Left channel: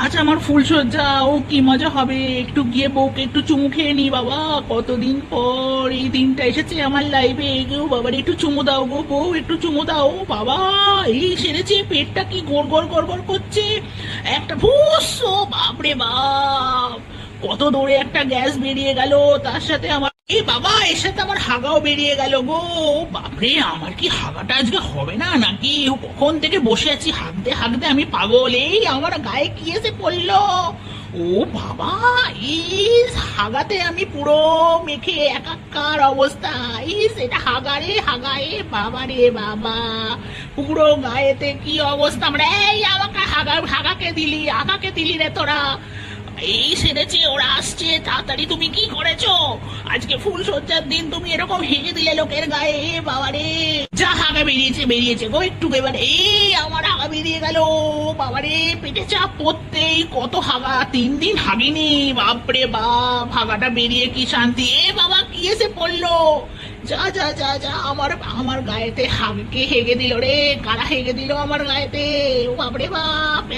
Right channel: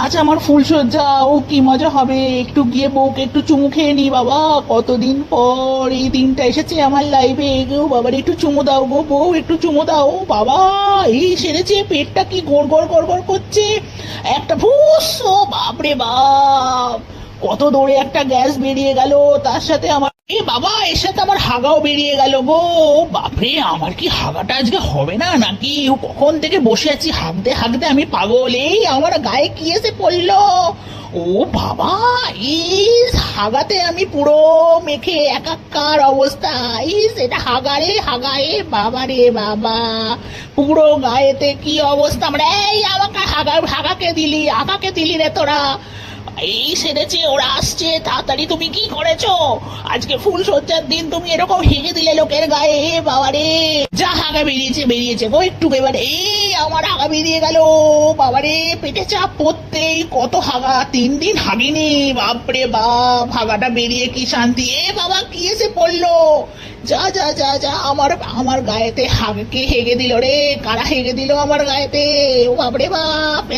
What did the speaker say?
আজ আমার ফুলসজ্জা ও কি মজা হবে? একটু গিয়ে বউকে একটু চুমু খেয়ে নি বাবা। কতদিন পর এই দিনটা এসেছে আমার লাইফে গো বাবার, একটু চুমু দাও গো বউ, একটু চুমু দাও। বাবা, এই সেরেছে, পেটটা কি গড় গড় গড় গড় করছে? একটা ফুস ও বাপরে বাপ! কত দৌড়ে একটা গ্যাস বেরিয়ে গেল, তার সাথে আমার এ বাবা, এর সাথে আমার হাগাও বেরিয়ে গেল গো। বাপরে, আমার কি হাগাটা আজকে হবে না নাকি? কখন থেকে বসে আছি? হাগতে হাগতে আমি পাগল। এই আমার গায়ে কি এসে পড়ল? ও বাবা, ইস, হাগাতে আমি পুরো মেখে একাকার অবস্থা। ইস, এটা হাগারে হাগায়ে বাবা রে বাবা। পুরো গায়েতে কি অবস্থা? আমরা, এই আমাকে হাগা, হাগাকে দিলি হাগাকে দিলি রে তোরা। এই সেরেছে, ওরা আসছে, তাড়াতাড়ি তুমি কি করেছ? আজকে ফুল সজ্জার দিন, তুমি এরকম দিলে লোকের গায়ে যা বেরিয়েছে বেরিয়েছে গো একটু এবার। এই আমার বেরিয়ে গেল পেটে চাপ পড়তেই কত হাগা। তিন দিন হাগিনি, বাপরে বাপ, হাগাটা বেরিয়ে কি শান্তি। এ বাবা, কি এসে পড়ল? যা যা যা যা, আমার আমার গায়েতে হাগকে হেগে দিল রে, কারা হেগে দিল আমার গায়েতে? ও বাপরে বাপ